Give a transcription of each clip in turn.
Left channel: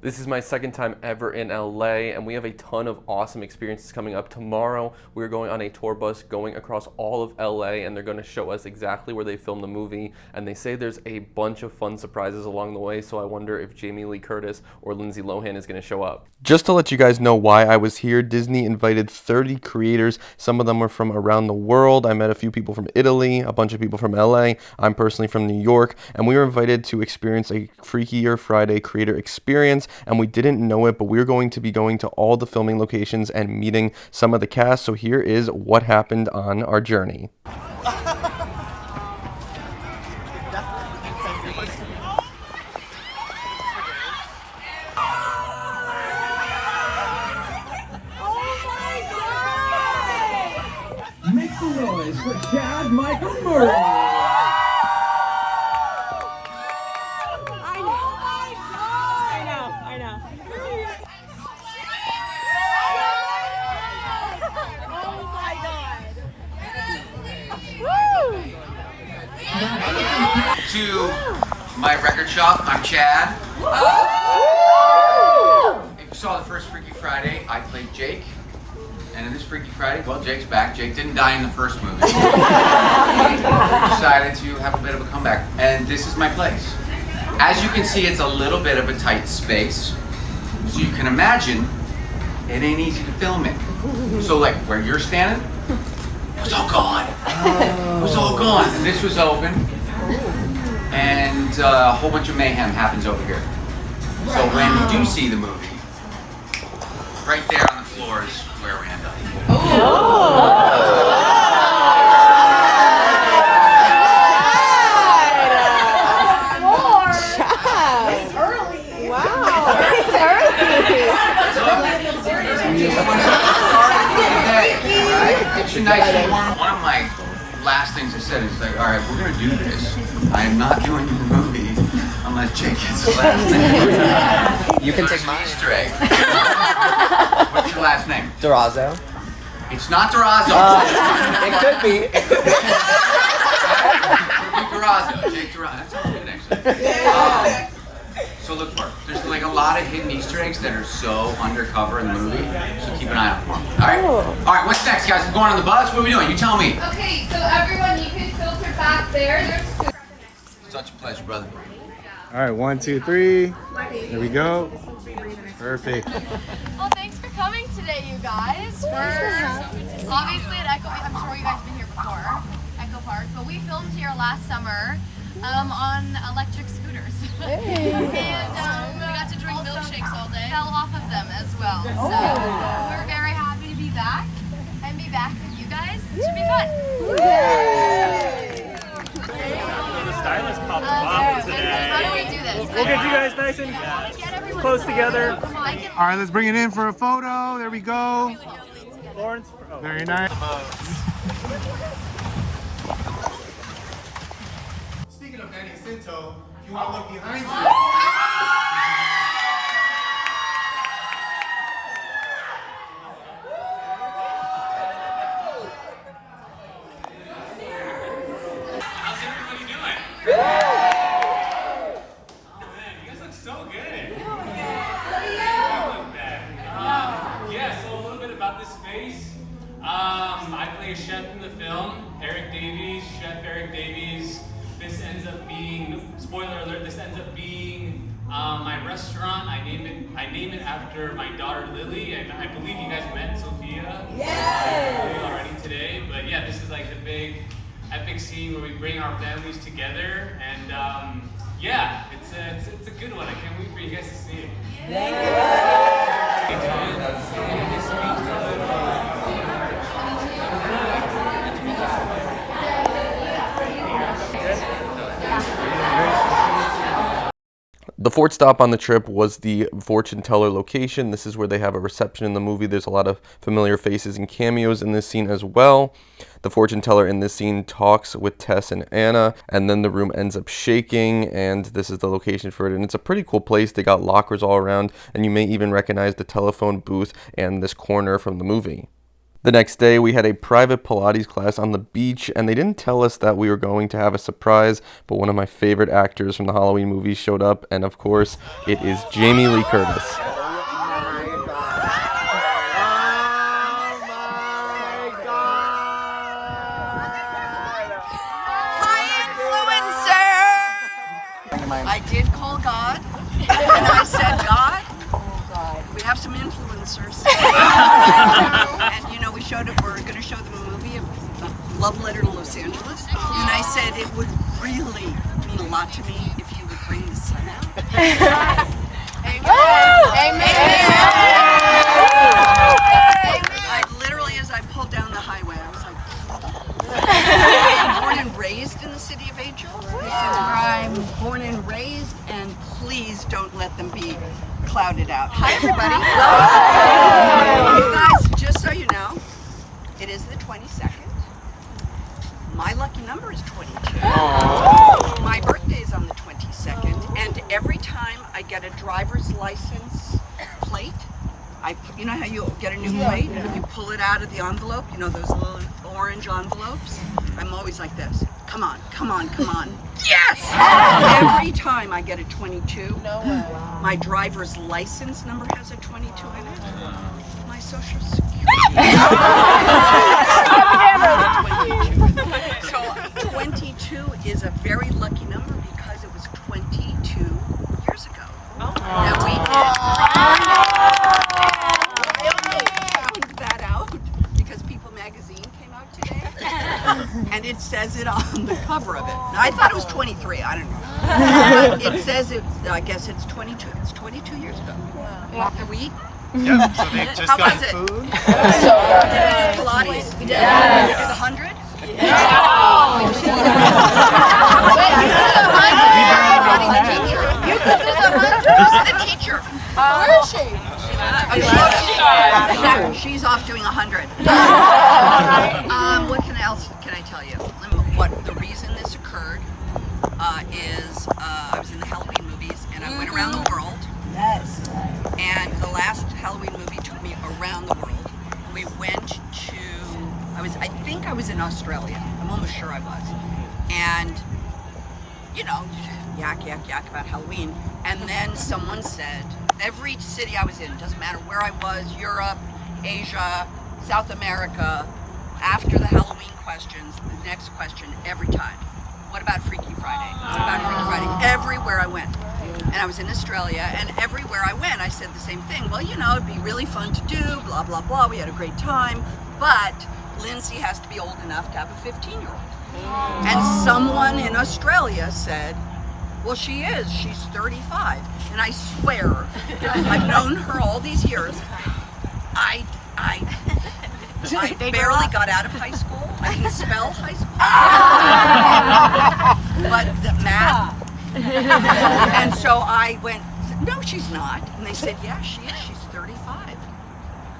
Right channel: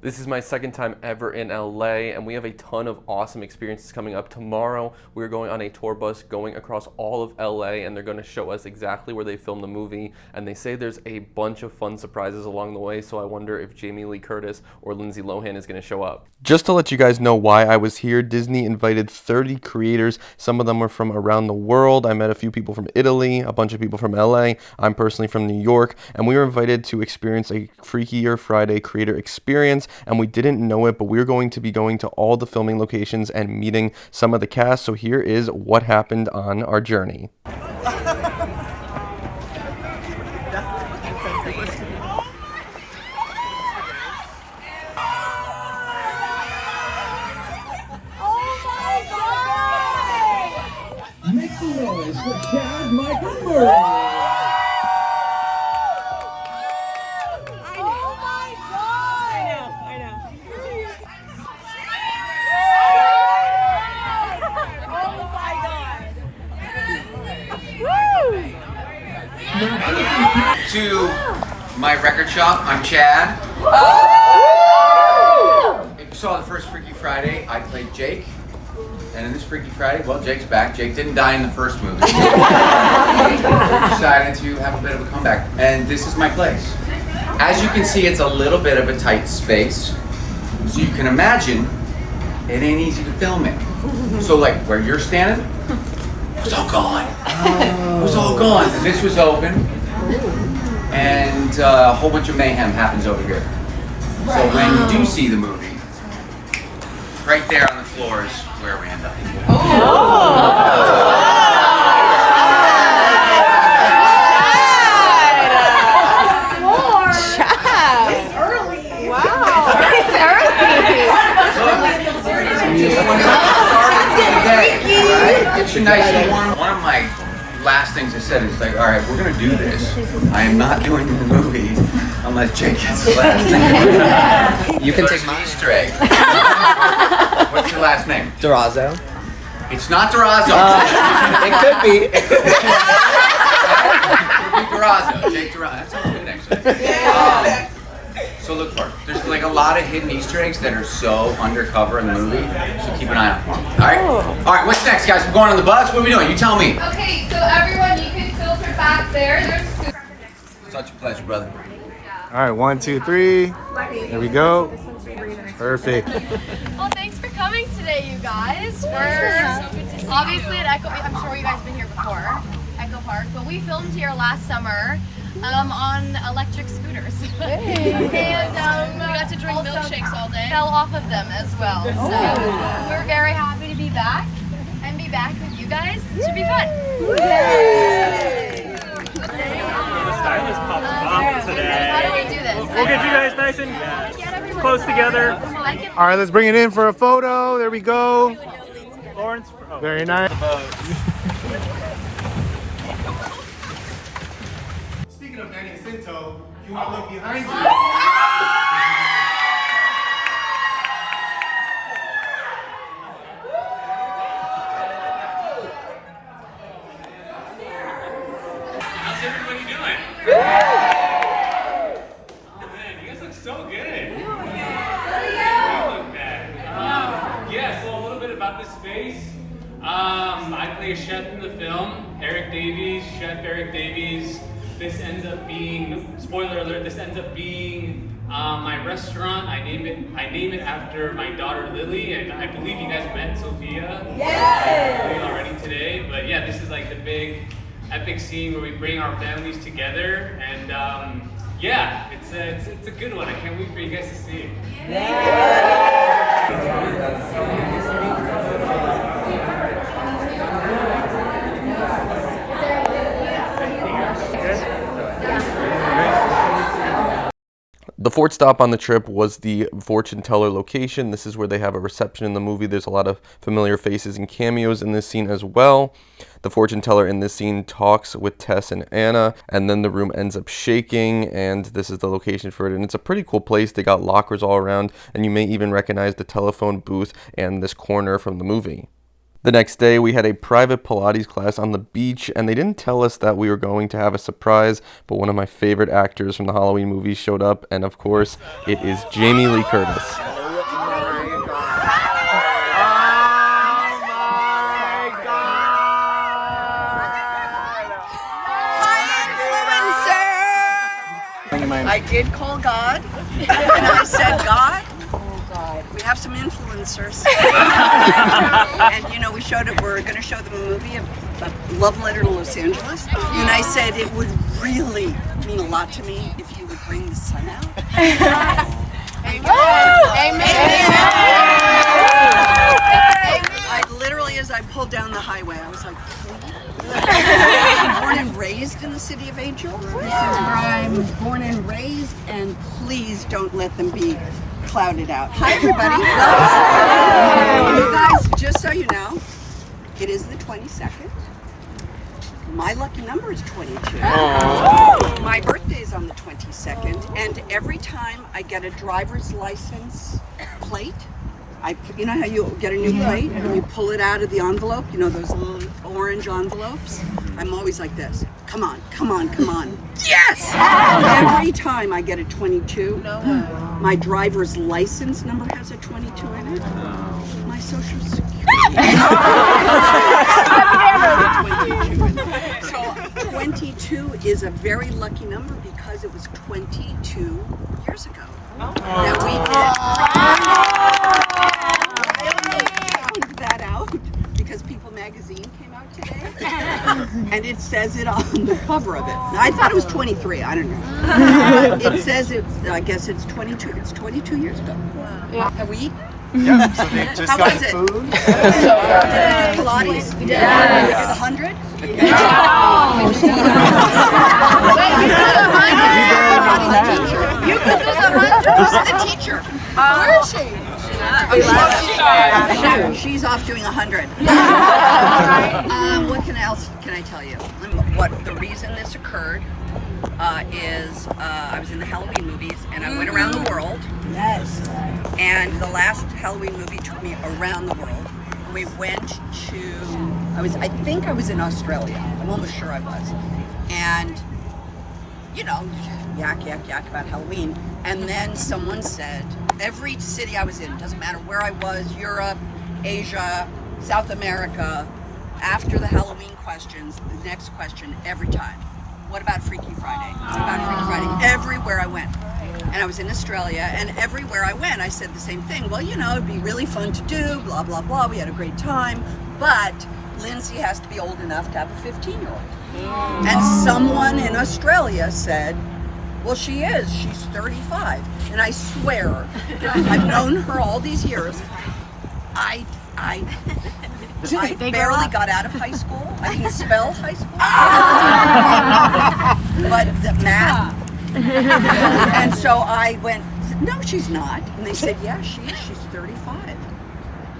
This is my second time ever in LA, and we have a ton of awesome experiences coming up. Tomorrow, we're going on a tour bus going across all of LA, and they're going to show us exactly where they filmed the movie. And they say there's a bunch of fun surprises along the way, so I wonder if Jamie Lee Curtis or Lindsay Lohan is going to show up. Just to let you guys know why I was here, Disney invited 30 creators. Some of them are from around the world. I met a few people from Italy, a bunch of people from LA. I'm personally from New York, and we were invited to experience a Freakier Friday creator experience. And we didn't know it, but we're going to be going to all the filming locations and meeting some of the cast. So here is what happened on our journey. Make some noise for Chad Michael Murray. To my record shop, I'm Chad. If you saw the first Freaky Friday, I played Jake. And in this Freaky Friday, well, Jake's back. Jake didn't die in the first movie. He decided to have a bit of a comeback. And this is my place. As you can see, it's a little bit of a tight space. So you can imagine, it ain't easy to film it. So like where you're standing, it was all gone. It was all gone. And this was open. And a whole bunch of mayhem happens over here. So when you do see the movie, right there on the floor is where we end up. It's nice and warm. One of my last things I said is like, all right, we're gonna do this. I am not doing the movie unless Jake gets the last name. You can There's take an Easter egg. What's your last name? Durazo. It's not Durazo. It could be. It could be Durazo. Jake Durazo. That sounds good, actually. So look for it. There's like a lot of hidden Easter eggs that are so undercover in the movie, so keep an eye out for them. All right, what's next, guys? We're going on the bus? What are we doing? You tell me. Okay, so everyone, you can filter back there. There's Such a pleasure, brother. All right, 1, 2, 3. There we go. Perfect. Well, thanks for coming today, you guys. We're obviously at Echo. I'm sure you guys have been here before, Echo Park, but we filmed here last summer on electric scooters, and we got to drink milkshakes all day. Fell off of them as well. So we're very happy to be back and be back with you guys. It should be fun. How do we do this? We'll get you guys nice and close together. All right, let's bring it in for a photo. There we go. Lawrence. Very nice. Speaking of Manny Jacinto, if you want to look behind you. How's everybody doing? Oh man, you guys look so good. You look bad. Yeah, so a little bit about this space. I play a chef in the film, Eric Davies, Chef Eric Davies. This ends up being, spoiler alert, this ends up being my restaurant. I name it after my daughter Lily, and I believe you guys met Sophia already today. But yeah, this is like the big epic scene where we bring our families together, and yeah, it's a good one. I can't wait for you guys to see it. The fourth stop on the trip was the fortune teller location. This is where they have a reception in the movie. There's a lot of familiar faces and cameos in this scene as well. The fortune teller in this scene talks with Tess and Anna, and then the room ends up shaking, and this is the location for it. And it's a pretty cool place. They got lockers all around, and you may even recognize the telephone booth and this corner from the movie. The next day, we had a private Pilates class on the beach, and they didn't tell us that we were going to have a surprise, but one of my favorite actors from the Halloween movies showed up, and of course, it is Jamie Lee Curtis. I did call God, and I said, God, we have some influencers. And you know, we're going to show them a movie, a love letter to Los Angeles. And I said, it would really mean a lot to me if you would bring the sun out. I literally, as I pulled down the highway, I was like, I'm born and raised in the city of Angels. This is where I'm born and raised, and please don't let them be clouded out. Hi, everybody. You guys, just so you know, it is the 22nd. My lucky number is 22. My birthday is on the 22nd, and every time I get a driver's license plate, you know how you get a new plate and you pull it out of the envelope, you know, those little orange envelopes? I'm always like this. Come on, come on, come on. Yes! Every time I get a 22, my driver's license number has a 22 in it. My social security. So 22 is a very lucky number because it was 22 years ago that we did. That out because People magazine came out today and it says it on the cover of it. Now, I thought it was 23, I don't know. But it says I guess it's 22. It's 22 years ago. Yeah. Have we eaten? Yeah, so they just got food. Did you do Pilates? Yeah. Did you do the 100? You could do the 100. Who's the teacher? Where is she? She's off doing 100. What else can I tell you? What the reason this occurred is I was in the Halloween movies and I went around the world. Yes. And the last Halloween movie took me around the world. We went to I think I was in Australia. I'm almost sure I was. And you know, yak about Halloween. And then someone said, every city I was in, doesn't matter where I was, Europe, Asia, South America, after the Halloween questions, the next question every time, what about Freaky Friday? What about Freaky Friday? Everywhere I went. And I was in Australia, and everywhere I went, I said the same thing. Well, you know, it'd be really fun to do, blah, blah, blah. We had a great time, but Lindsay has to be old enough to have a 15-year-old. And someone in Australia said, well, she is. She's 35. And I swear, I've known her all these years. I barely got out of high school. I didn't spell high school. But the math. And so I went, no, she's not. And they said, yeah, she is. She's 35.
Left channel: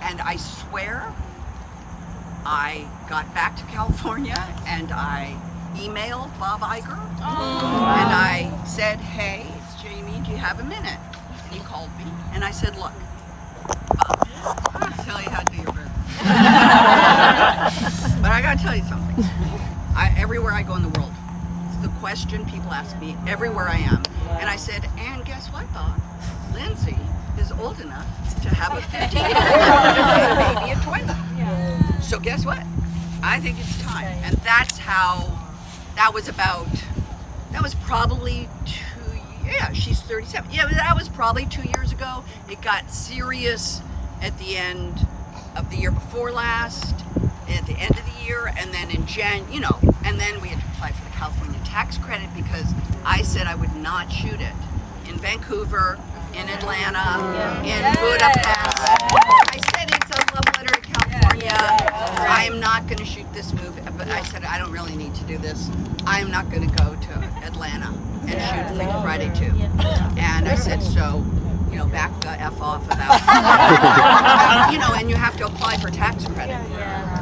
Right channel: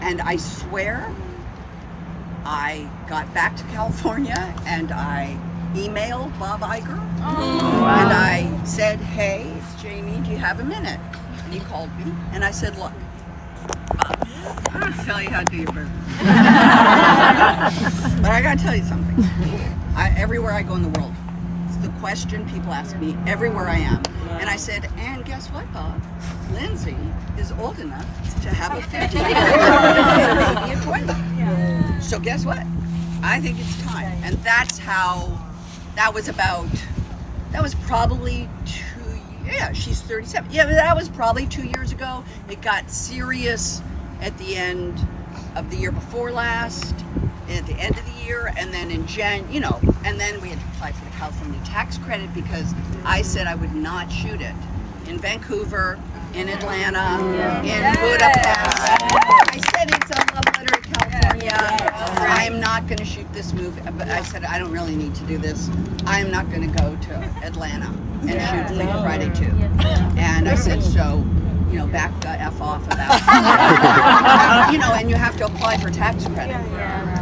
And I swear, I got back to California and I emailed Bob Iger and I said, hey, it's Jamie, do you have a minute? And he called me and I said, look, I'll tell you how to do your business. But I gotta tell you something. Everywhere I go in the world, it's the question people ask me everywhere I am. And I said, and guess what, Bob? Lindsay is old enough to have a 15-year-old baby at 20. So guess what? I think it's time. And that's how, that was probably she's 37. Yeah, but that was probably 2 years ago. It got serious at the end of the year before last, at the end of the year, and then in and then we had to apply for the California tax credit because I said I would not shoot it in Vancouver, in Atlanta, in Budapest. I said it's a love letter to California. I am not going to shoot this movie, but I said I don't really need to do this. I am not going to go to Atlanta and shoot Freakier Friday 2. And I said, so, you know, back the F off about, and you have to apply for tax credit.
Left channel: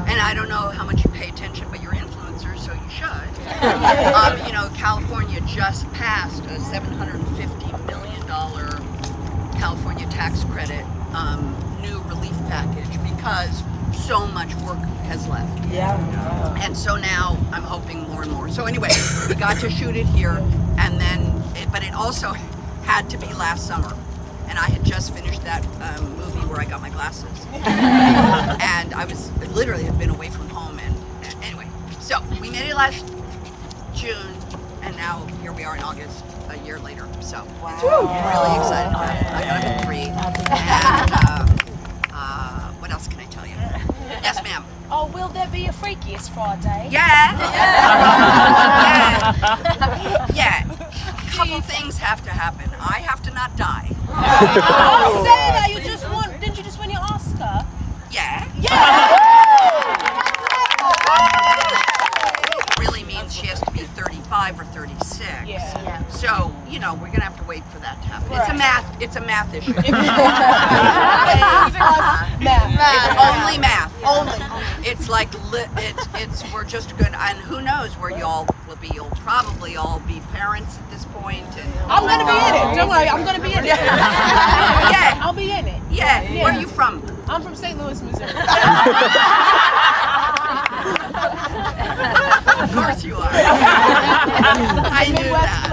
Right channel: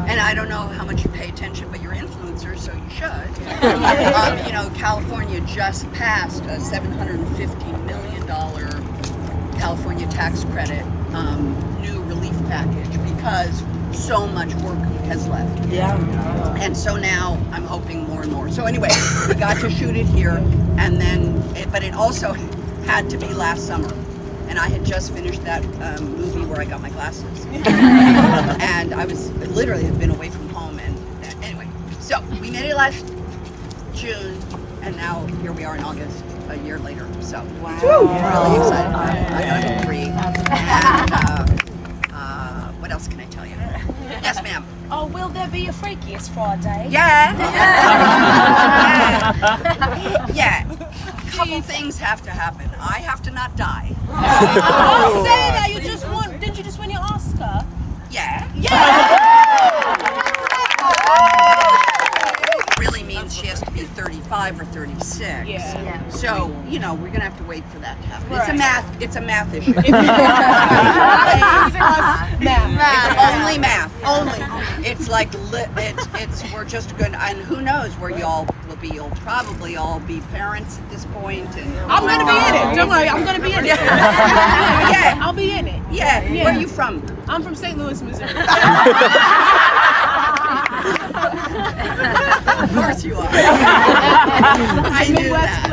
And I don't know how much you pay attention, but you're influencers, so you should. California just passed a $750 million California tax credit new relief package because so much work has left. Yeah. And so now I'm hoping more and more. So anyway, we got to shoot it here, and then, but it also had to be last summer. And I had just finished that movie where I got my glasses. And I was literally had been away from home. And anyway, so we made it last June, and now here we are in August, a year later. So I'm really excited. I agree. And what else can I tell you? Yes, ma'am. Oh, will there be a Freakiest Friday? Yeah. Yeah. A couple things have to happen. I have to not die. Oh, Sarah, didn't you just win your Oscar? Yeah. Really means she has to be 35 or 36. Yeah. So, you know, we're gonna have to wait for that to happen. It's a math issue. It's only math. Only. It's like we're just good, and who knows where y'all will be. You'll probably all be parents at this point. And I'm gonna be in it. Don't worry, I'm gonna be in it. Yeah. I'll be in it. Yeah. Where are you from? I'm from St. Louis, Missouri. Of course you are. I knew that.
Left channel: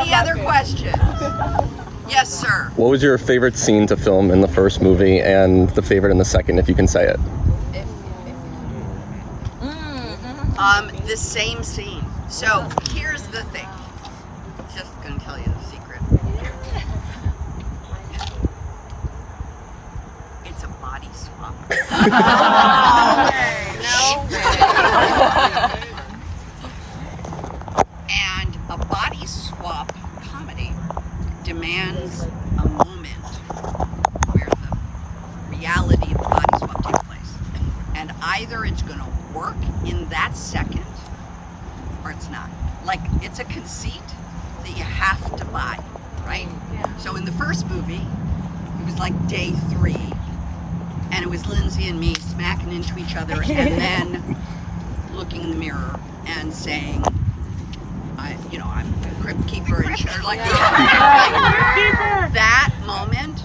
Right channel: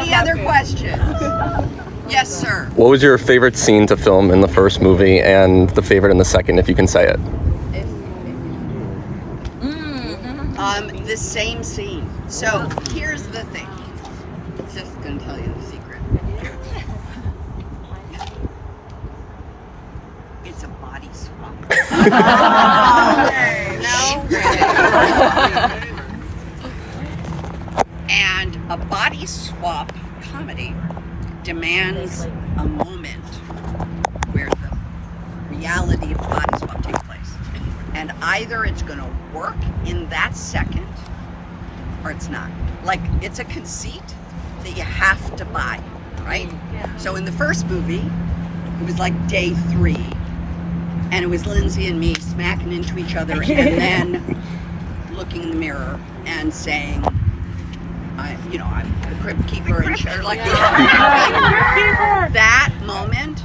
Any other questions? Yes, sir. What was your favorite scene to film in the first movie and the favorite in the second, if you can say it? The same scene. So here's the thing. Just gonna tell you the secret. It's a body swap. And a body swap comedy demands a moment where the reality of the body swap takes place. And either it's going to work in that second or it's not. Like, it's a conceit that you have to buy, right? Yeah. So in the first movie, it was like day 3. And it was Lindsay and me smacking into each other and then looking in the mirror and saying, I'm the crypt keeper and shit like that. That moment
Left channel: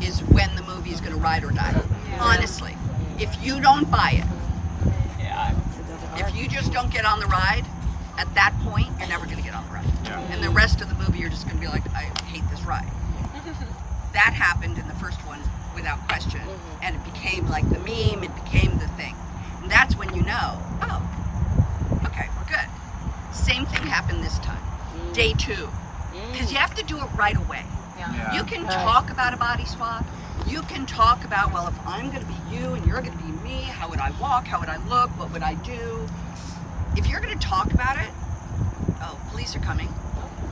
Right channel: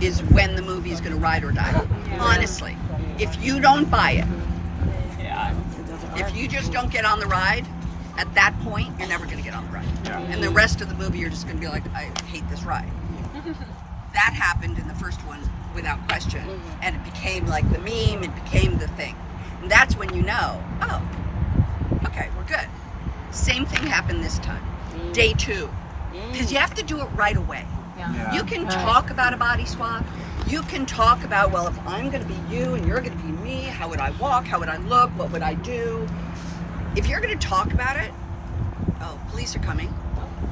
is when the movie is going to ride or die. Honestly, if you don't buy it, if you just don't get on the ride, at that point, you're never going to get on the ride. And the rest of the movie, you're just going to be like, I hate this ride. That happened in the first one without question. And it became like the meme, it became the thing. And that's when you know, oh, okay, we're good. Same thing happened this time. Day 2. Because you have to do it right away. You can talk about a body swap. You can talk about, well, if I'm going to be you and you're going to be me, how would I walk? How would I look? What would I do? If you're going to talk about it, oh, police are coming.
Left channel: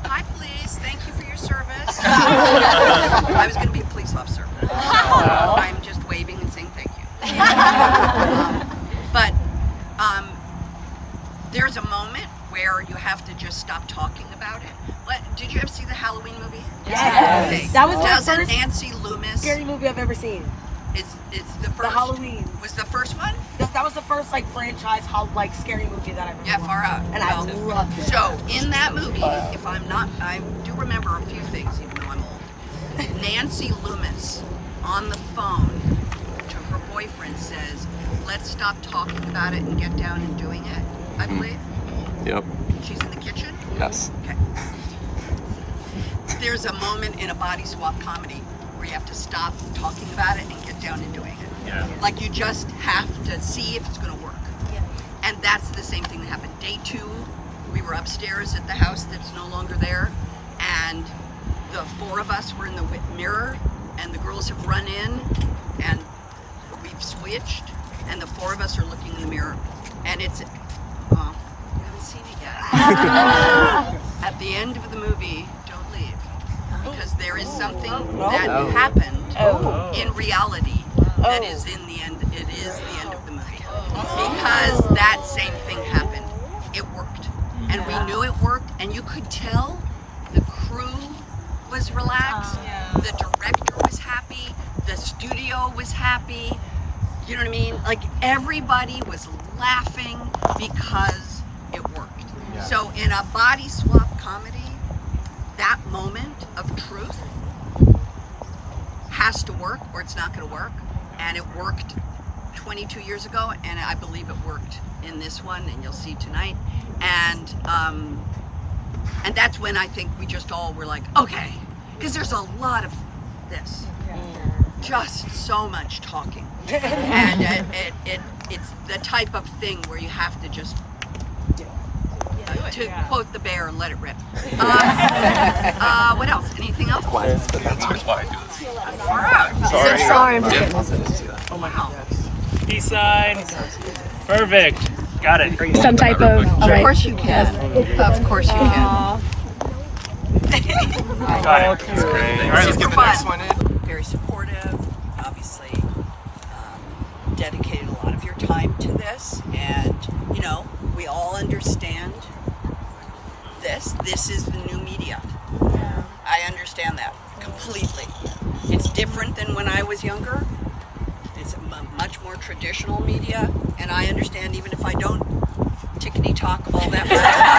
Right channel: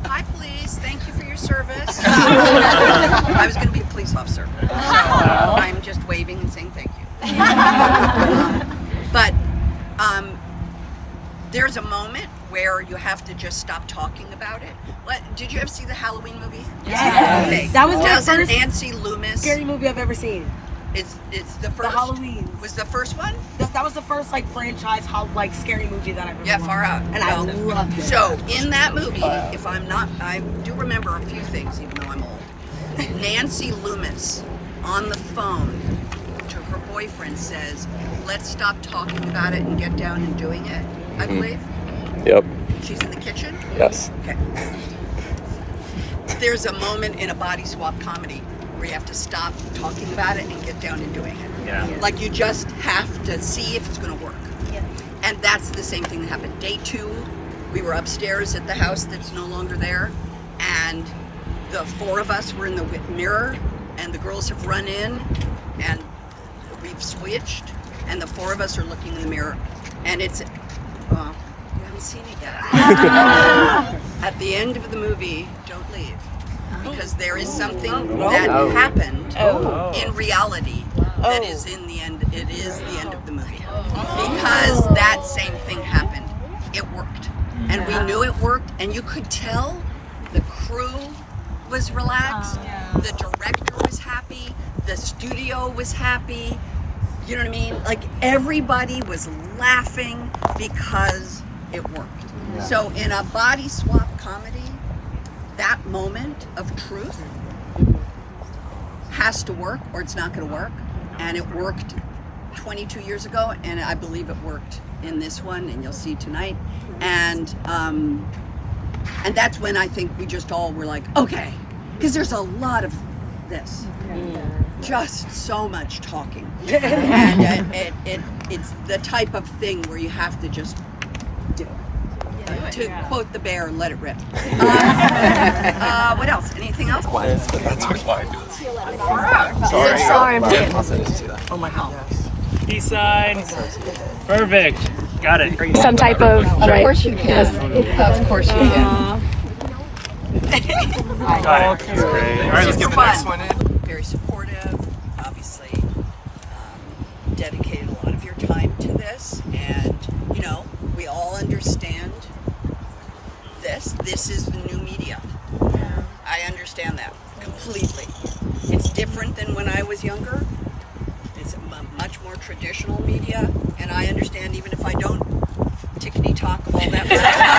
Hi, police. Thank you for your service. I was going to be a police officer, so I'm just waving and saying thank you. But there's a moment where you have to just stop talking about it. Did you ever see the Halloween movie? Yes. Okay. That was the first Nancy Loomis. scary movie I've ever seen. It's the first. The Halloween. Was the first one? That was the first franchise scary movie that I remember. Yeah, far out. And I loved it. So in that movie, I do remember a few things, even though I'm old. Nancy Loomis on the phone to her boyfriend says, "Let's stop talking about it and get down and doing it." I believe. Yep. She's in the kitchen. Yes. Okay. There's a moment in a body swap comedy where you have to stop talking about it and get down and doing it. Yeah. Like you just have to see if it's going to work. Yeah. And that's the same thing that happened. Day 2, we were upstairs at the house that's no longer there, and the 4 of us were in the mirror, and the girls have run in, and we've switched, and the 4 of us are looking in the mirror, and it's, you haven't seen it yet. At the end of the movie, don't leave, because there is something that happened in reality that is in the end. It is the end of the movie, because that same thing happened. It worked, and we knew it worked, and you could tell the crew was relaxed, the director was happy, the studio was happy. You know what I mean? Like everybody was laughing because it worked. Yeah. So in a body swap comedy, that moment of truth has to work or it's not going to work. And it worked 22 years ago, and I believe it worked in this one, and you'll see tonight. And that's when I think we just all were like, okay, because there's a lot of this, just so much talking, and it's the type of thing where you have to just do. To quote the bear, let it rip. What else? Anything else? Oh my God. Peace signs. Perfect. Got it. Some type of Of course you can. Of course you can. Super fun. Very supportive. Obviously, dedicated a lot of your time to this, and you know, we all understand this. This is the new media. I understand that completely. It's different than when I was younger. It's much more traditional media, and I understand even if I don't tickety talk all that much.